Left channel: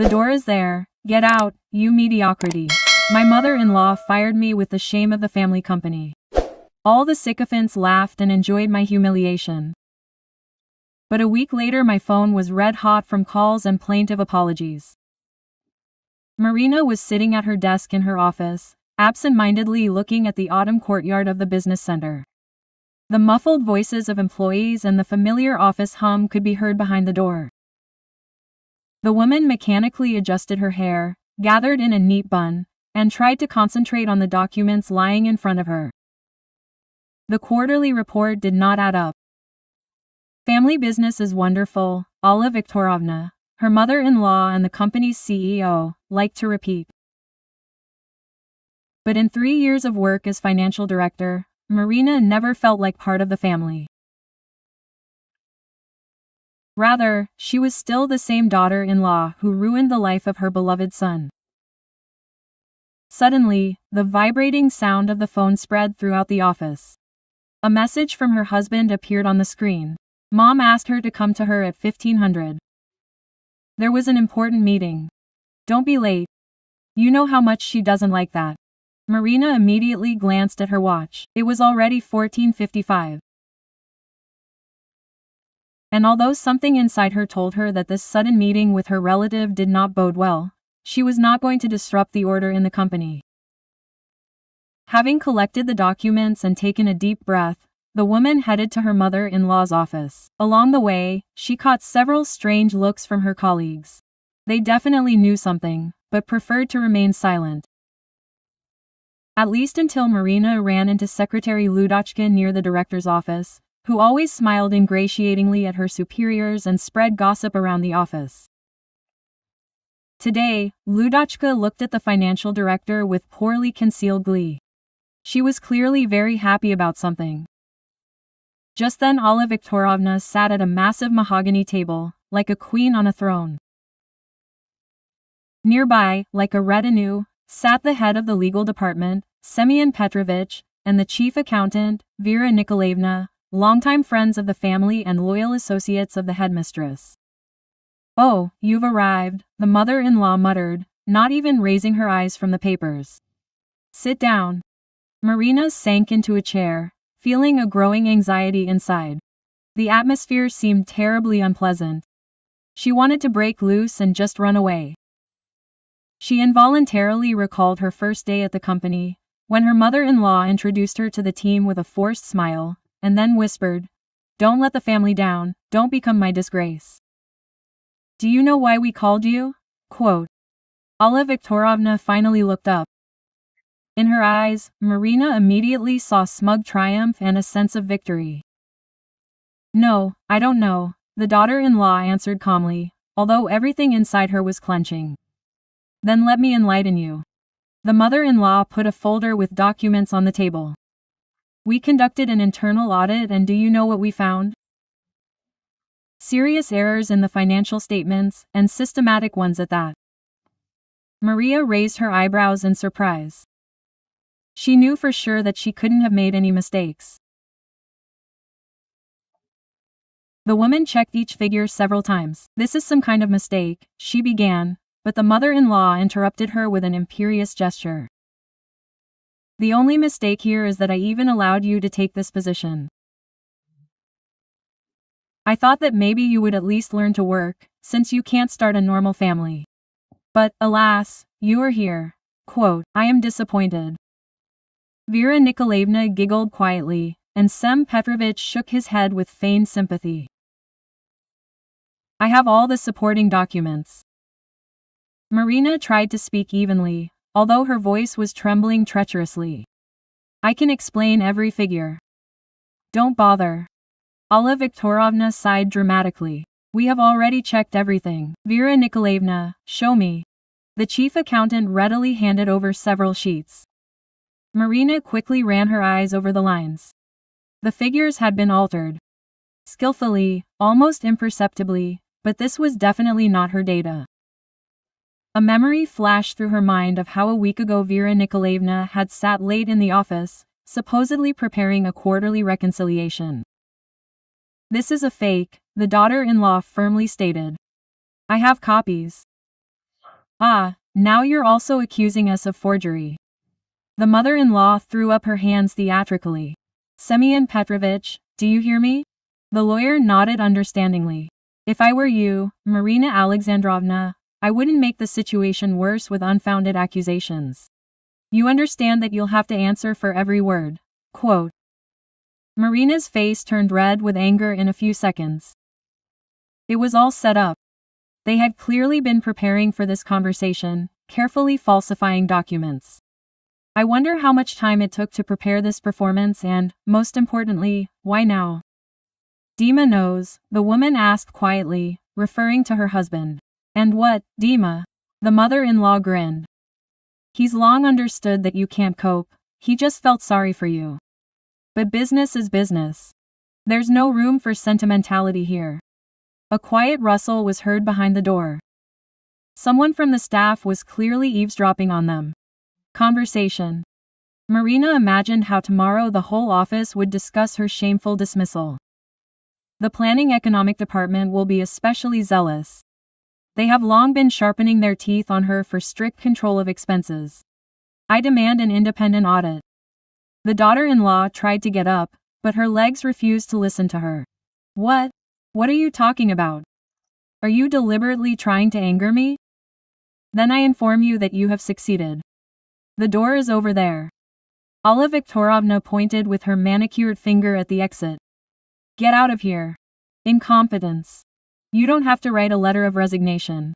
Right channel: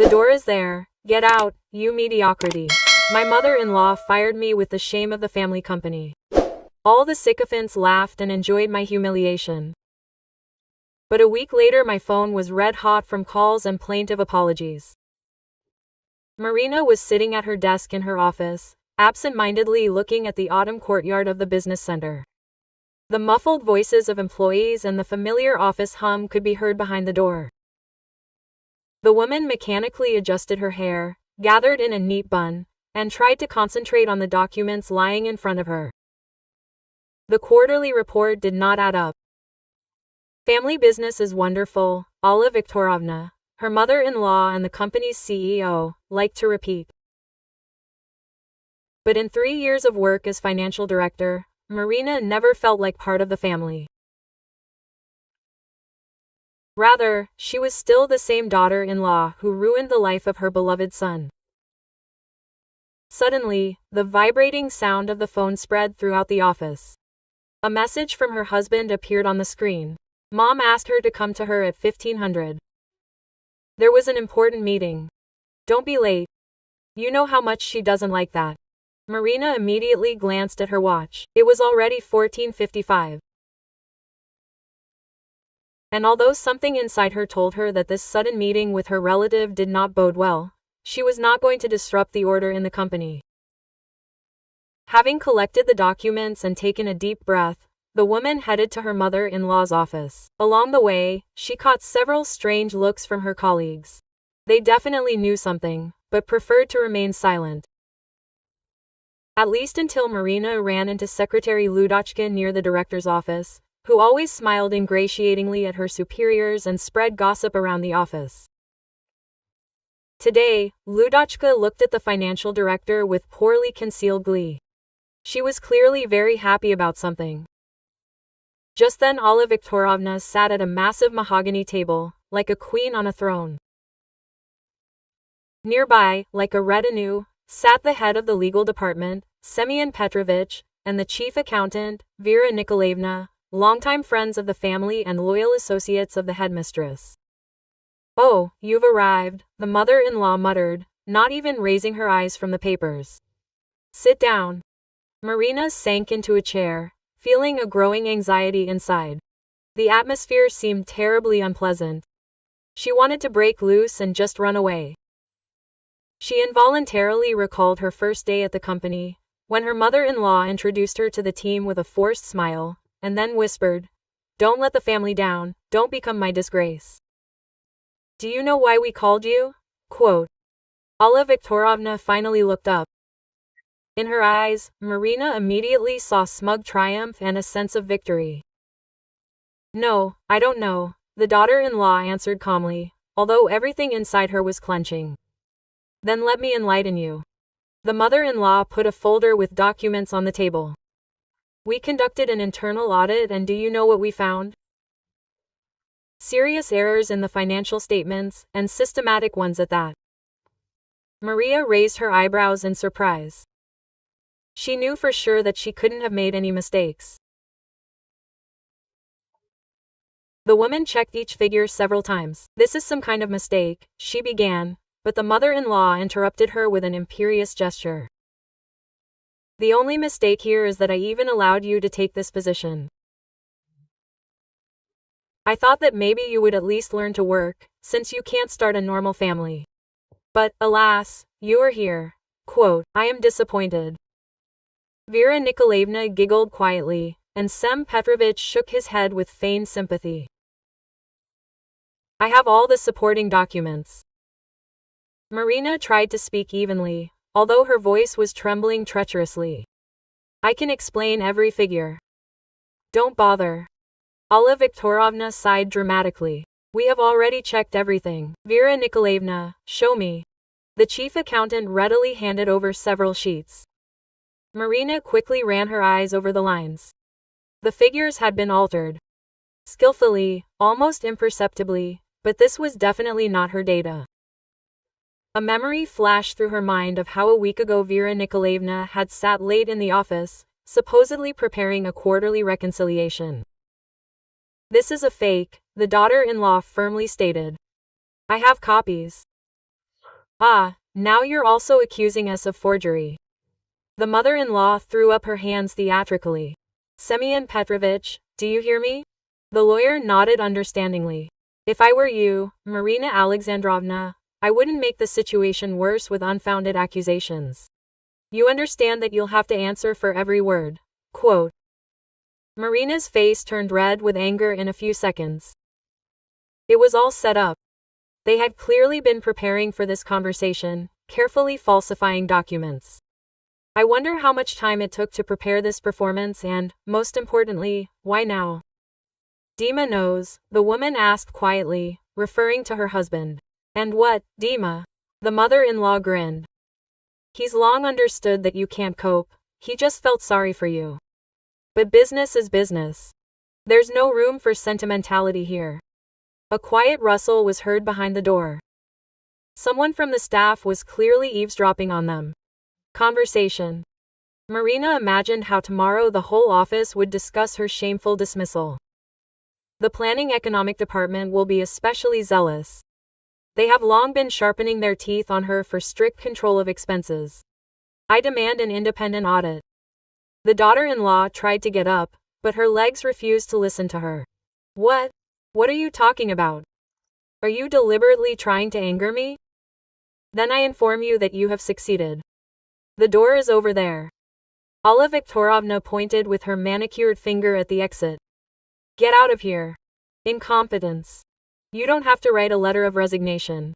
The door is there. Get out, you mediocrity. My mother-in-law fired me with the shame of the family company. All the sycophants laughed and enjoyed my humiliation. But a week later my phone was red hot from calls and plaintive apologies. Marina was sitting at her desk in her office, absent-mindedly looking at the autumn courtyard of the business center. The muffled voices of employees and the familiar office hum could be heard behind the door. The woman mechanically adjusted her hair, gathered in a neat bun, and tried to concentrate on the documents lying in front of her. The quarterly report did not add up. Family business is wonderful, Alla Viktorovna, her mother-in-law and the company's CEO, liked to repeat. But in 3 years of work as financial director, Marina never felt like part of the family. Rather, she was still the same daughter-in-law who ruined the life of her beloved son. Suddenly, the vibrating sound of the phone spread throughout the office. A message from her husband appeared on the screen. Mom asked her to come to her at 1500. There was an important meeting. Don't be late. You know how much she doesn't like that. Marina immediately glanced at her watch. It was already 14:55. And although something inside her told her that this sudden meeting with her relative did not bode well, she was not going to disrupt the order in the company. Having collected the documents and taken a deep breath, the woman headed to her mother-in-law's office. Along the way, she caught several strange looks from her colleagues. They definitely knew something, but preferred to remain silent. At least until Marina ran into Secretary Ludochka near the director's office, who always smiled ingratiatingly at her superiors and spread gossip around the office. Today, Ludochka looked at the financial director with poorly concealed glee. She was clearly very happy about something. Just then Alla Viktorovna sat at a massive mahogany table, like a queen on a throne. Nearby, like a retinue, sat the head of the legal department, Semyon Petrovich, and the chief accountant, Vera Nikolaevna, longtime friends of the family and loyal associates of the headmistress. "Oh, you've arrived," the mother-in-law muttered, not even raising her eyes from the papers. "Sit down." Marina sank into a chair, feeling a growing anxiety inside. The atmosphere seemed terribly unpleasant. She wanted to break loose and just run away. She involuntarily recalled her first day at the company, when her mother-in-law introduced her to the team with a forced smile, and then whispered, "Don't let the family down, don't become my disgrace." "Do you know why we called you?" Quote. Alla Viktorovna finally looked up. In her eyes, Marina immediately saw smug triumph and a sense of victory. "No, I don't know," the daughter-in-law answered calmly, although everything inside her was clenching. "Then let me enlighten you." The mother-in-law put a folder with documents on the table. "We conducted an internal audit, and do you know what we found? Serious errors in the financial statements, and systematic ones at that." Maria raised her eyebrows in surprise. She knew for sure that she couldn't have made any mistakes. The woman checked each figure several times. "This is some kind of mistake," she began, but the mother-in-law interrupted her with an imperious gesture. "The only mistake here is that I even allowed you to take this position. I thought that maybe you would at least learn to work, since you can't start a normal family. But, alas, you are here. Quote, I am disappointed." Vera Nikolaevna giggled quietly, and Sem Petrovich shook his head with feigned sympathy. "I have all the supporting documents." Marina tried to speak evenly, although her voice was trembling treacherously. "I can explain every figure." "Don't bother." Alla Viktorovna sighed dramatically. "We have already checked everything." "Vera Nikolaevna, show me." The chief accountant readily handed over several sheets. Marina quickly ran her eyes over the lines. The figures had been altered. Skillfully, almost imperceptibly, but this was definitely not her data. A memory flashed through her mind of how a week ago Vera Nikolaevna had sat late in the office, supposedly preparing a quarterly reconciliation. "This is a fake," the daughter-in-law firmly stated. "I have copies." Ah, now you're also accusing us of forgery. The mother-in-law threw up her hands theatrically. Semyon Petrovich, do you hear me? The lawyer nodded understandingly. If I were you, Marina Alexandrovna, I wouldn't make the situation worse with unfounded accusations. You understand that you'll have to answer for every word. Quote. Marina's face turned red with anger in a few seconds. It was all set up. They had clearly been preparing for this conversation, carefully falsifying documents. I wonder how much time it took to prepare this performance and, most importantly, why now? Dima knows, the woman asked quietly, referring to her husband. And what, Dima? The mother-in-law grinned. He's long understood that you can't cope, he just felt sorry for you. But business is business. There's no room for sentimentality here. A quiet rustle was heard behind the door. Someone from the staff was clearly eavesdropping on them. Conversation. Marina imagined how tomorrow the whole office would discuss her shameful dismissal. The planning economic department will be especially zealous. They have long been sharpening their teeth on her for strict control of expenses. I demand an independent audit. The daughter-in-law tried to get up, but her legs refused to listen to her. What? What are you talking about? Are you deliberately trying to anger me? Then I inform you that you have succeeded. The door is over there. Alla Viktorovna pointed with her manicured finger at the exit. Get out of here. Incompetence. You don't have to write a letter of resignation.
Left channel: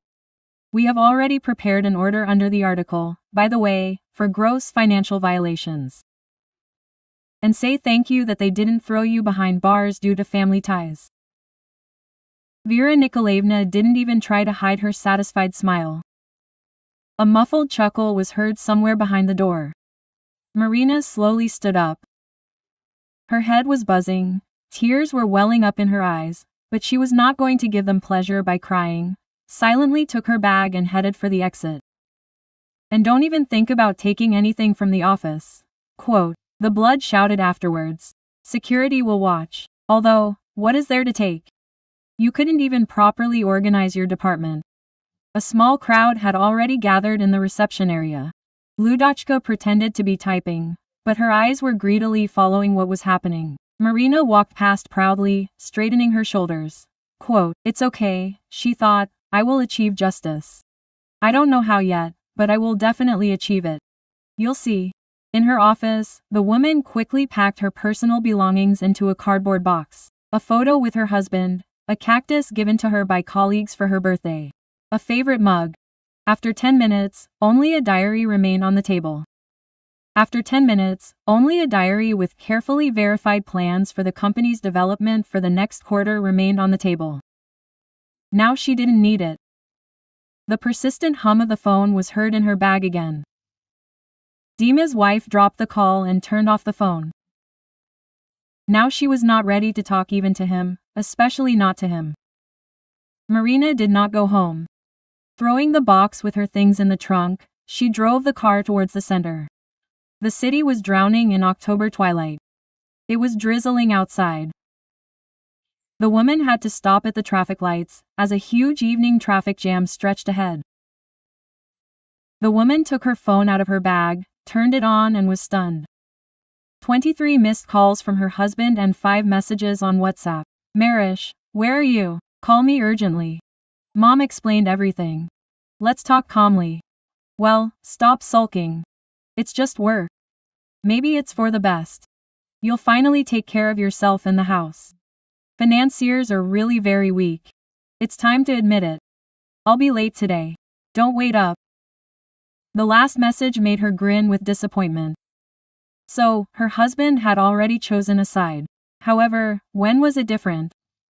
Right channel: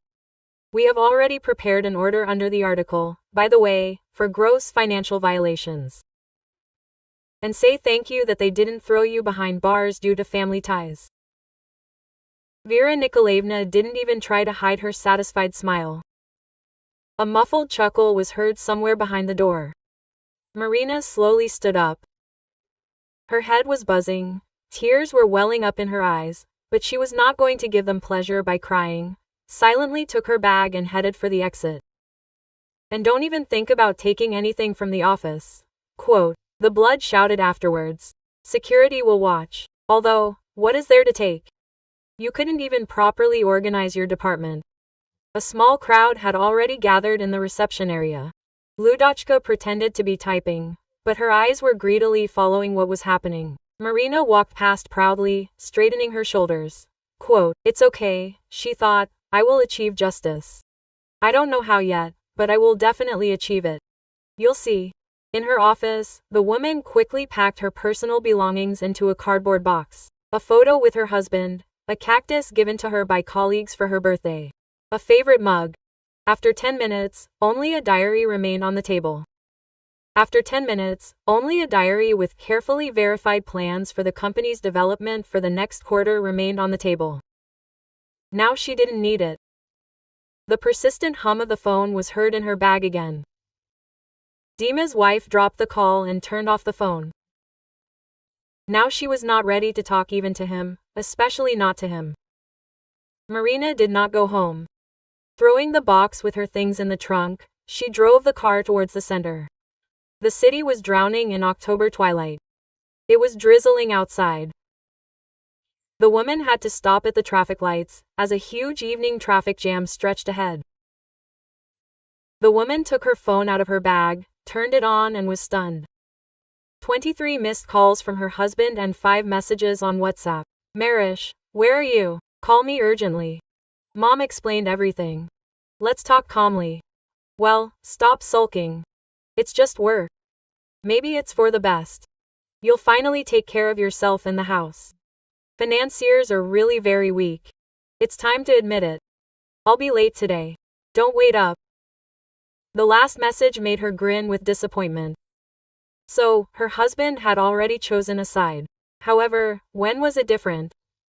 We have already prepared an order under the article, by the way, for gross financial violations. And say thank you that they didn't throw you behind bars due to family ties. Vera Nikolaevna didn't even try to hide her satisfied smile. A muffled chuckle was heard somewhere behind the door. Marina slowly stood up. Her head was buzzing, tears were welling up in her eyes, but she was not going to give them pleasure by crying, silently took her bag and headed for the exit. And don't even think about taking anything from the office. Quote, the blood shouted afterwards. Security will watch. Although, what is there to take? You couldn't even properly organize your department. A small crowd had already gathered in the reception area. Ludochka pretended to be typing, but her eyes were greedily following what was happening. Marina walked past proudly, straightening her shoulders. Quote, it's okay, she thought, I will achieve justice. I don't know how yet, but I will definitely achieve it. You'll see. In her office, the woman quickly packed her personal belongings into a cardboard box. A photo with her husband, a cactus given to her by colleagues for her birthday, a favorite mug. After 10 minutes, only a diary remained on the table. After 10 minutes, only a diary with carefully verified plans for the company's development for the next quarter remained on the table. Now she didn't need it. The persistent hum of the phone was heard in her bag again. Dima's wife dropped the call and turned off the phone. Now she was not ready to talk even to him, especially not to him. Marina did not go home. Throwing the box with her things in the trunk, she drove the car towards the center. The city was drowning in October twilight. It was drizzling outside. The woman had to stop at the traffic lights, as a huge evening traffic jam stretched ahead. The woman took her phone out of her bag, turned it on and was stunned. 23 missed calls from her husband and 5 messages on WhatsApp. Marish, where are you? Call me urgently. Mom explained everything. Let's talk calmly. Well, stop sulking. It's just work. Maybe it's for the best. You'll finally take care of yourself in the house. Financiers are really very weak. It's time to admit it. I'll be late today. Don't wait up. The last message made her grin with disappointment. So, her husband had already chosen a side. However, when was it different?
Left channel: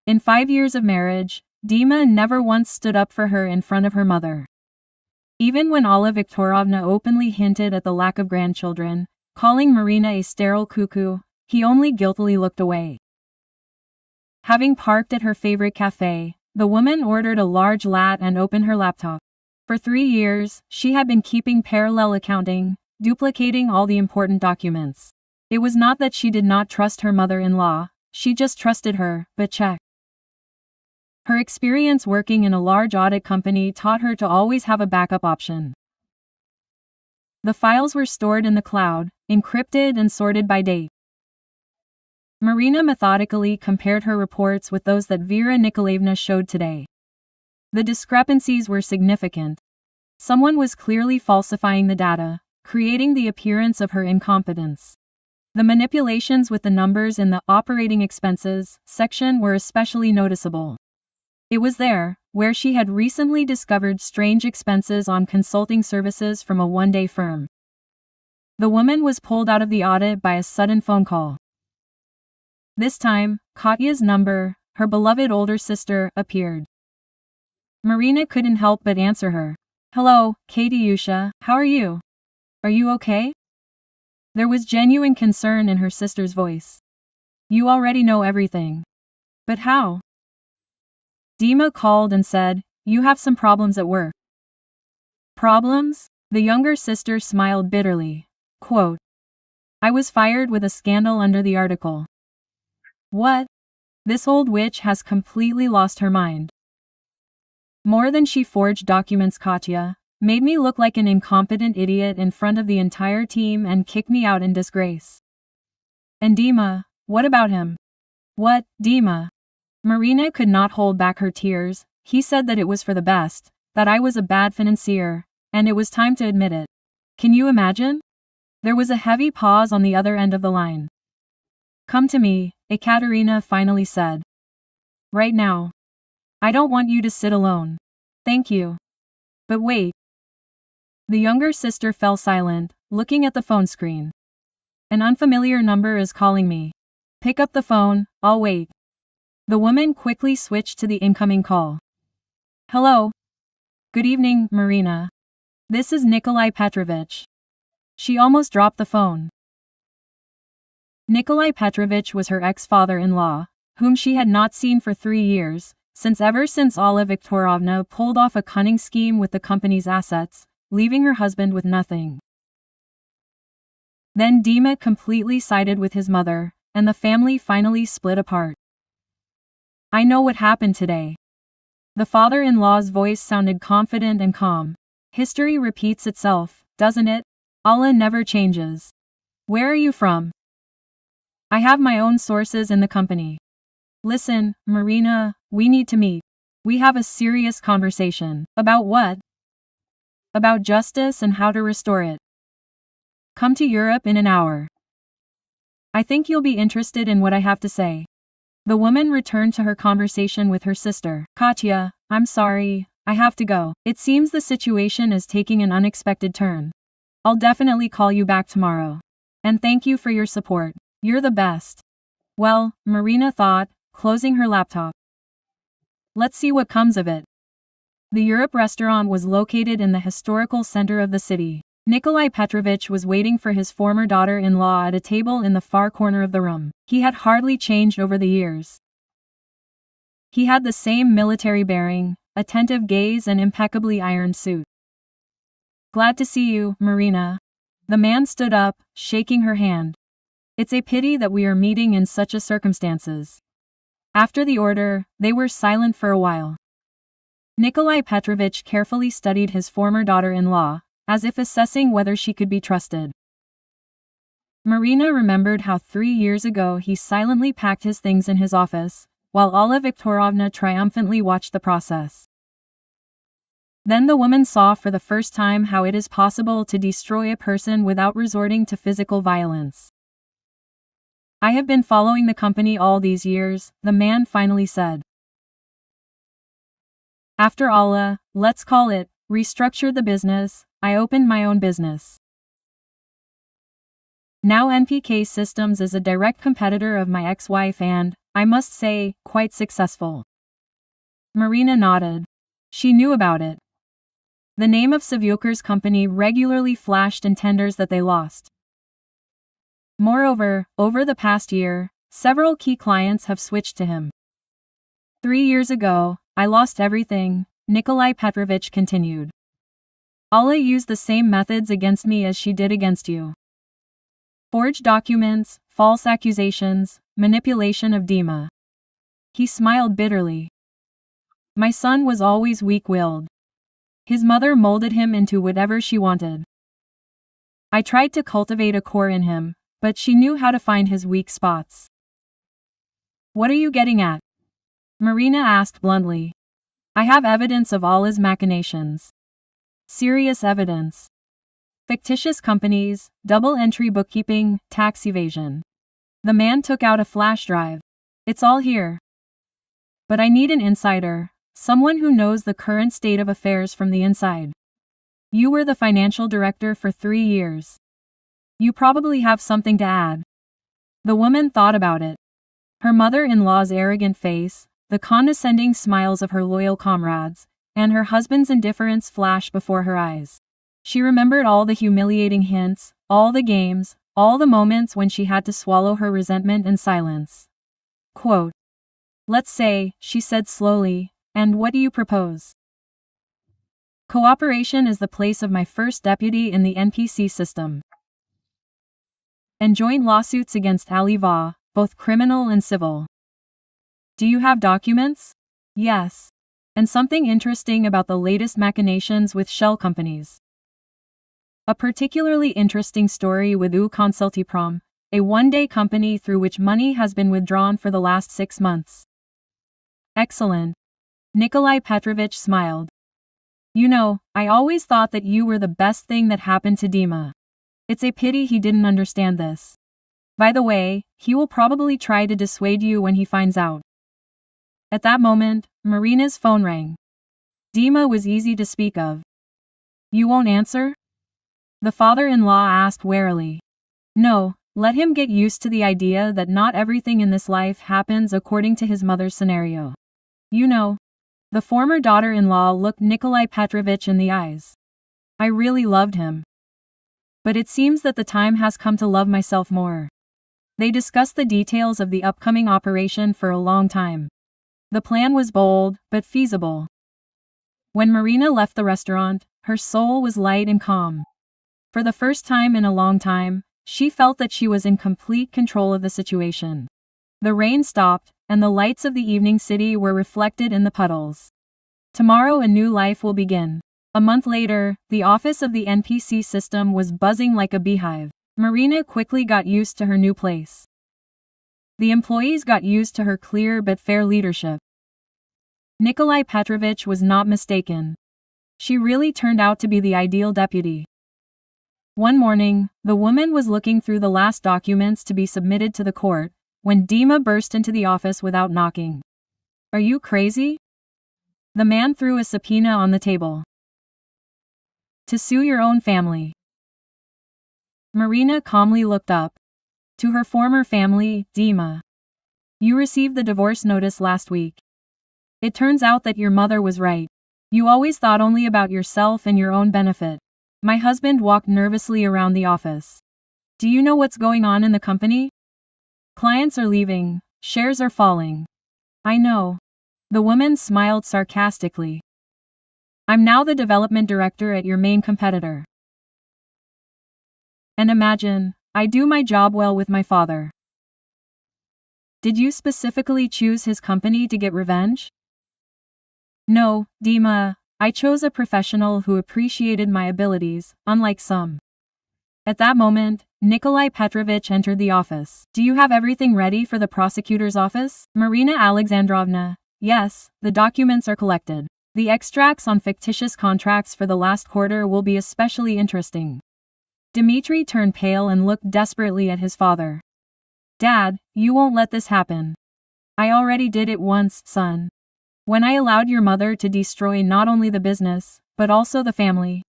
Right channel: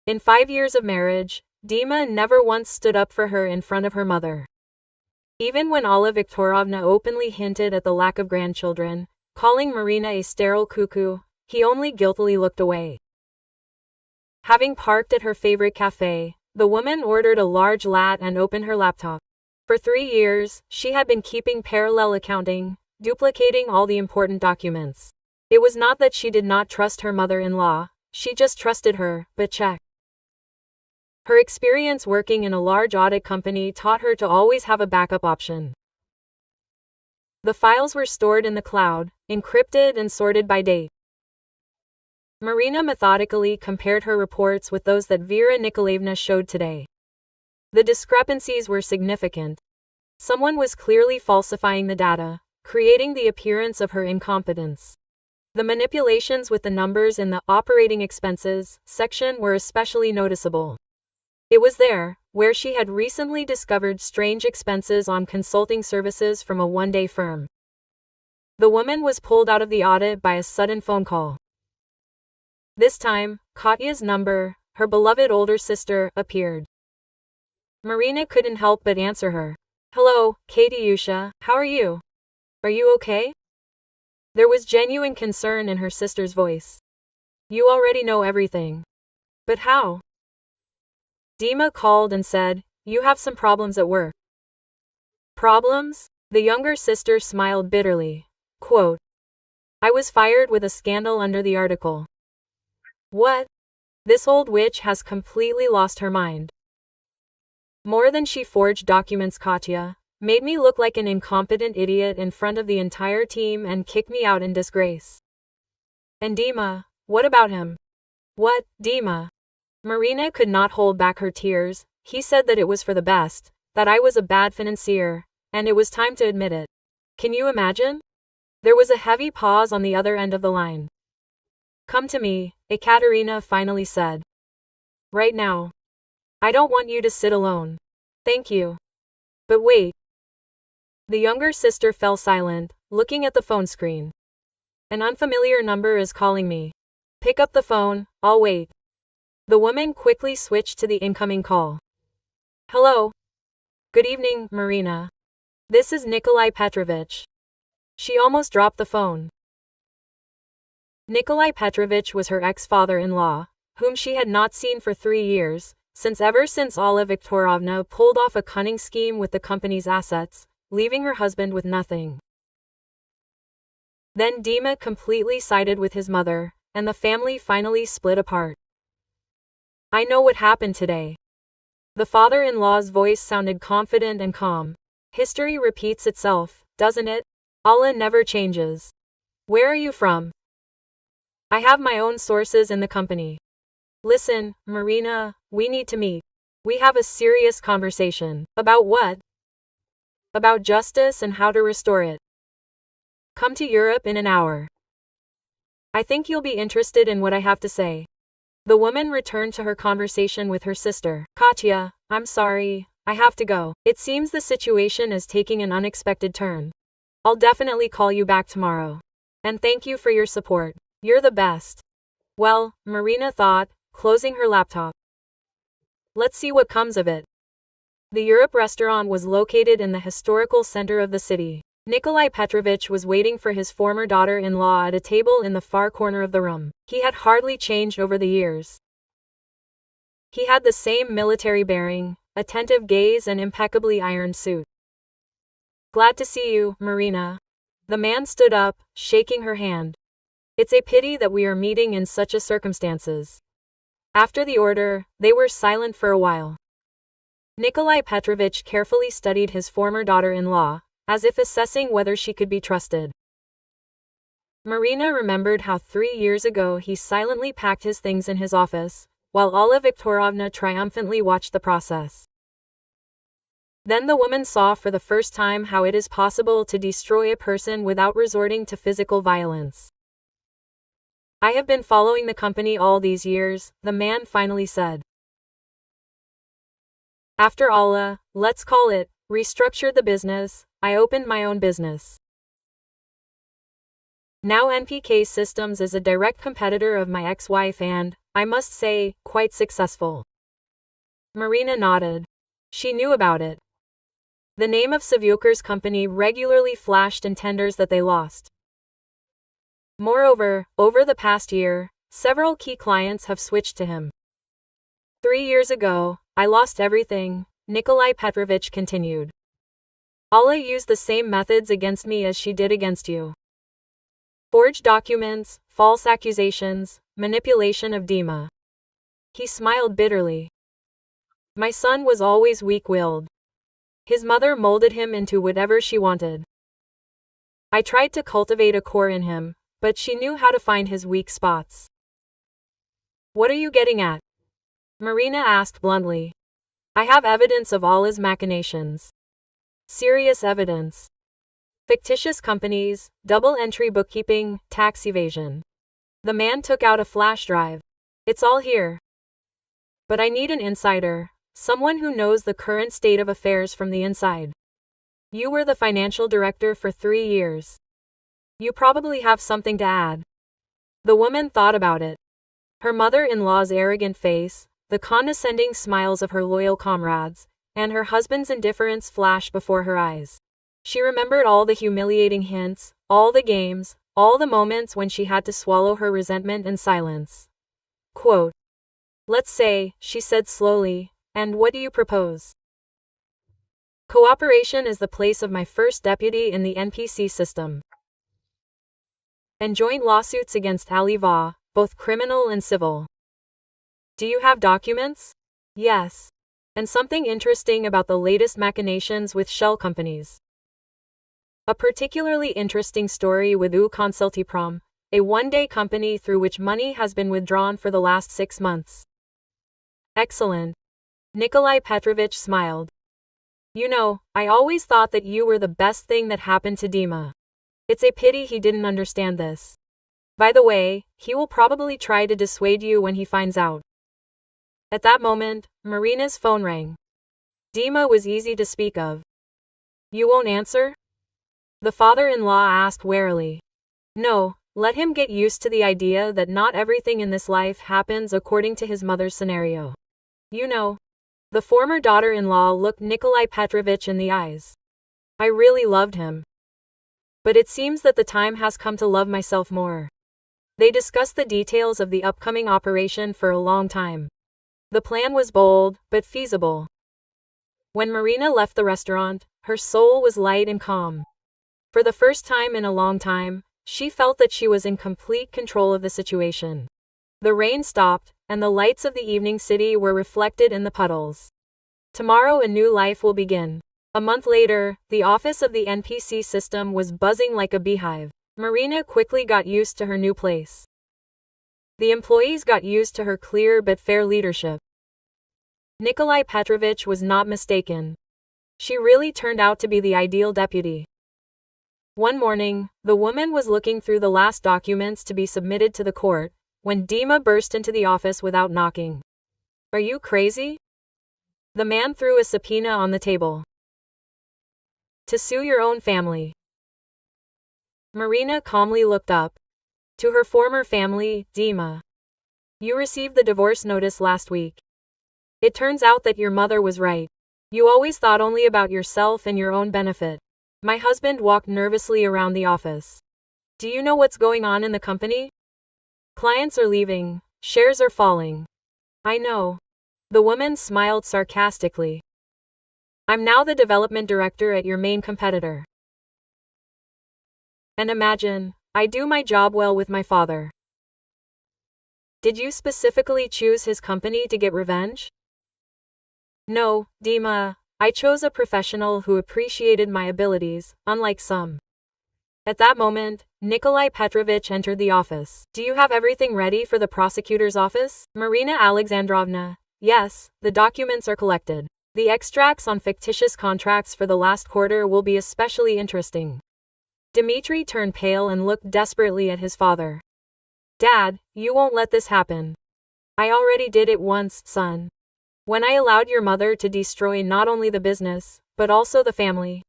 In 5 years of marriage, Dima never once stood up for her in front of her mother. Even when Alla Viktorovna openly hinted at the lack of grandchildren, calling Marina a sterile cuckoo, he only guiltily looked away. Having parked at her favorite cafe, the woman ordered a large latte and opened her laptop. For 3 years, she had been keeping parallel accounting, duplicating all the important documents. It was not that she did not trust her mother-in-law, she just trusted her, but check. Her experience working in a large audit company taught her to always have a backup option. The files were stored in the cloud, encrypted and sorted by date. Marina methodically compared her reports with those that Vera Nikolaevna showed today. The discrepancies were significant. Someone was clearly falsifying the data, creating the appearance of her incompetence. The manipulations with the numbers in the operating expenses section were especially noticeable. It was there, where she had recently discovered strange expenses on consulting services from a one-day firm. The woman was pulled out of the audit by a sudden phone call. This time, Katya's number, her beloved older sister, appeared. Marina couldn't help but answer her. "Hello, Katyusha, how are you? Are you okay?" There was genuine concern in her sister's voice. "You already know everything. But how?" Dima called and said, "You have some problems at work." "Problems?" The younger sister smiled bitterly. Quote, "I was fired with a scandal under the article." What? This old witch has completely lost her mind. More than she forged documents, Katya made me look like an incompetent idiot in front of the entire team and kicked me out in disgrace. And Dima, what about him? What, Dima? Marina could not hold back her tears. He said that it was for the best, that I was a bad financier, and it was time to admit it. Can you imagine? There was a heavy pause on the other end of the line. "Come to me," Ekaterina finally said. "Right now. I don't want you to sit alone. Thank you. But wait." The younger sister fell silent, looking at the phone screen. "An unfamiliar number is calling me. Pick up the phone, I'll wait." The woman quickly switched to the incoming call. "Hello. Good evening, Marina. This is Nikolai Petrovich." She almost dropped the phone. Nikolai Petrovich was her ex-father-in-law, whom she had not seen for 3 years, ever since Alla Viktorovna pulled off a cunning scheme with the company's assets, leaving her husband with nothing. Then Dima completely sided with his mother, and the family finally split apart. "I know what happened today." The father-in-law's voice sounded confident and calm. "History repeats itself, doesn't it? Allah never changes. Where are you from?" "I have my own sources in the company." "Listen, Marina, we need to meet. We have a serious conversation." "About what?" "About justice and how to restore it." "Come to Europe in an hour. I think you'll be interested in what I have to say." The woman returned to her conversation with her sister. "Katya, I'm sorry, I have to go. It seems the situation is taking an unexpected turn. I'll definitely call you back tomorrow. And thank you for your support. You're the best." Well, Marina thought, closing her laptop. Let's see what comes of it. The Europe restaurant was located in the historical center of the city. Nikolai Petrovich was waiting for his former daughter-in-law at a table in the far corner of the room. He had hardly changed over the years. He had the same military bearing, attentive gaze and impeccably ironed suit. "Glad to see you, Marina." The man stood up, shaking her hand. "It's a pity that we are meeting in such a circumstances." After the order, they were silent for a while. Nikolai Petrovich carefully studied his former daughter-in-law, as if assessing whether she could be trusted. Marina remembered how 3 years ago he silently packed his things in his office, while Alla Viktorovna triumphantly watched the process. Then the woman saw for the first time how it is possible to destroy a person without resorting to physical violence. "I have been following the company all these years," the man finally said. "After Allah, let's call it, restructured the business, I opened my own business. Now NPK Systems is a direct competitor of my ex-wife and, I must say, quite successful." Marina nodded. She knew about it. The name of Savioker's company regularly flashed in tenders that they lost. Moreover, over the past year, several key clients have switched to him. 3 years ago, I lost everything, Nikolai Petrovich continued. Allah used the same methods against me as she did against you. Forged documents, false accusations, manipulation of Dima. He smiled bitterly. My son was always weak-willed. His mother molded him into whatever she wanted. I tried to cultivate a core in him, but she knew how to find his weak spots. What are you getting at? Marina asked bluntly. I have evidence of all his machinations. Serious evidence. Fictitious companies, double-entry bookkeeping, tax evasion. The man took out a flash drive. It's all here. But I need an insider, someone who knows the current state of affairs from the inside. You were the financial director for 3 years. You probably have something to add. The woman thought about it. Her mother-in-law's arrogant face, the condescending smiles of her loyal comrades, and her husband's indifference flashed before her eyes. She remembered all the humiliating hints, all the games, all the moments when she had to swallow her resentment in silence. Quote, let's say, she said slowly, and what do you propose? Cooperation is the place of my first deputy in the NPC system. And joint lawsuits against Ali Va, both criminal and civil. Do you have documents? Yes. And something interesting about the latest machinations with shell companies. A particularly interesting story with U Consultiprom, a one-day company through which money has been withdrawn for the last 6 months. Excellent. Nikolai Petrovich smiled. You know, I always thought that you were the best thing that happened to Dima. It's a pity he didn't understand this. By the way, he will probably try to dissuade you when he finds out. At that moment, Marina's phone rang. Dima was easy to speak of. You won't answer? The father-in-law asked warily. No, let him get used to the idea that not everything in this life happens according to his mother's scenario. You know. The former daughter-in-law looked Nikolai Petrovich in the eyes. I really loved him. But it seems that the time has come to love myself more. They discussed the details of the upcoming operation for a long time. The plan was bold, but feasible. When Marina left the restaurant, her soul was light and calm. For the first time in a long time, she felt that she was in complete control of the situation. The rain stopped, and the lights of the evening city were reflected in the puddles. Tomorrow a new life will begin. A month later, the office of the NPC system was buzzing like a beehive. Marina quickly got used to her new place. The employees got used to her clear but fair leadership. Nikolai Petrovich was not mistaken. She really turned out to be the ideal deputy. One morning, the woman was looking through the last documents to be submitted to the court, when Dima burst into the office without knocking. Are you crazy? The man threw a subpoena on the table. To sue your own family. Marina calmly looked up. To her former family, Dima. You received the divorce notice last week. It turns out that your mother was right. You always thought only about yourself and your own benefit. My husband walked nervously around the office. Do you know what's going on in the company? Clients are leaving, shares are falling. I know. The woman smiled sarcastically. I'm now the development director at your main competitor. And imagine, I do my job well with my father. Did you specifically choose his company to get revenge? No, Dima, I chose a professional who appreciated my abilities, unlike some. At that moment, Nikolai Petrovich entered the office. Do you have everything ready for the prosecutor's office? Marina Alexandrovna, yes, the documents are collected. The extracts on fictitious contracts for the last quarter will be especially interesting. Dmitry turned pale and looked desperately at his father. Dad, you won't let this happen. I already did it once, son. When I allowed your mother to destroy not only the business, but also the family.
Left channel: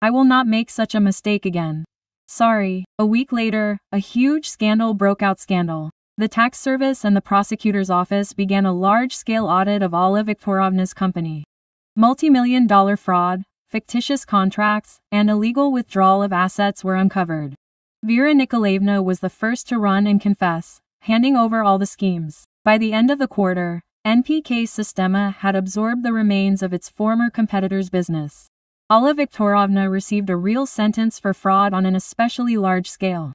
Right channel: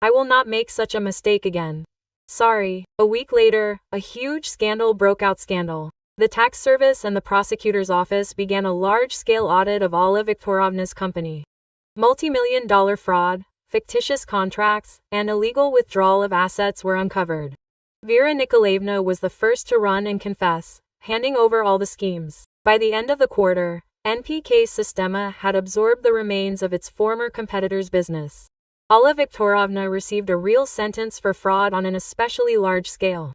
I will not make such a mistake again. Sorry. A week later, a huge scandal broke out. The tax service and the prosecutor's office began a large-scale audit of Alla Viktorovna's company. Multi-million-dollar fraud, fictitious contracts, and illegal withdrawal of assets were uncovered. Vera Nikolaevna was the first to run and confess, handing over all the schemes. By the end of the quarter, NPK Sistema had absorbed the remains of its former competitor's business. Alla Viktorovna received a real sentence for fraud on an especially large scale.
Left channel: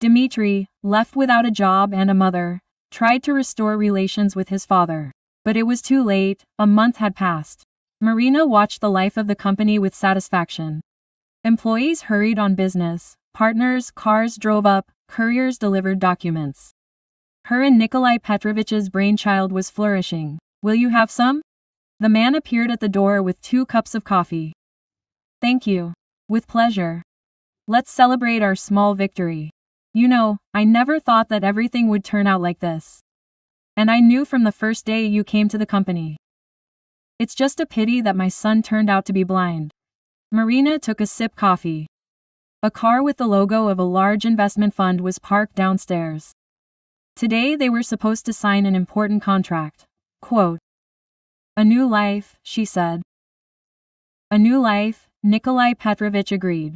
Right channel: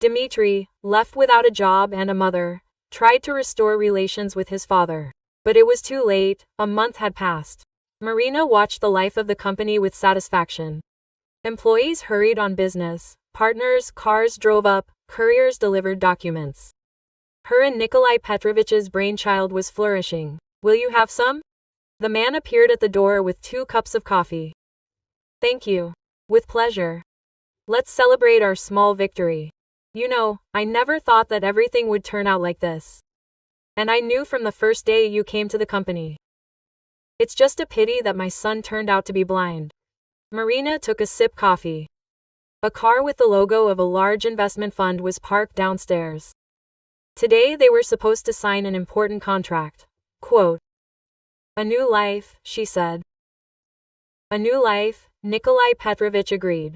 Dmitry, left without a job and a mother, tried to restore relations with his father. But it was too late, a month had passed. Marina watched the life of the company with satisfaction. Employees hurried on business, partners' cars drove up, couriers delivered documents. Her and Nikolai Petrovich's brainchild was flourishing. Will you have some? The man appeared at the door with 2 cups of coffee. Thank you. With pleasure. Let's celebrate our small victory. You know, I never thought that everything would turn out like this. And I knew from the first day you came to the company. It's just a pity that my son turned out to be blind. Marina took a sip coffee. A car with the logo of a large investment fund was parked downstairs. Today they were supposed to sign an important contract. Quote, "A new life," she said. "A new life," Nikolai Petrovich agreed.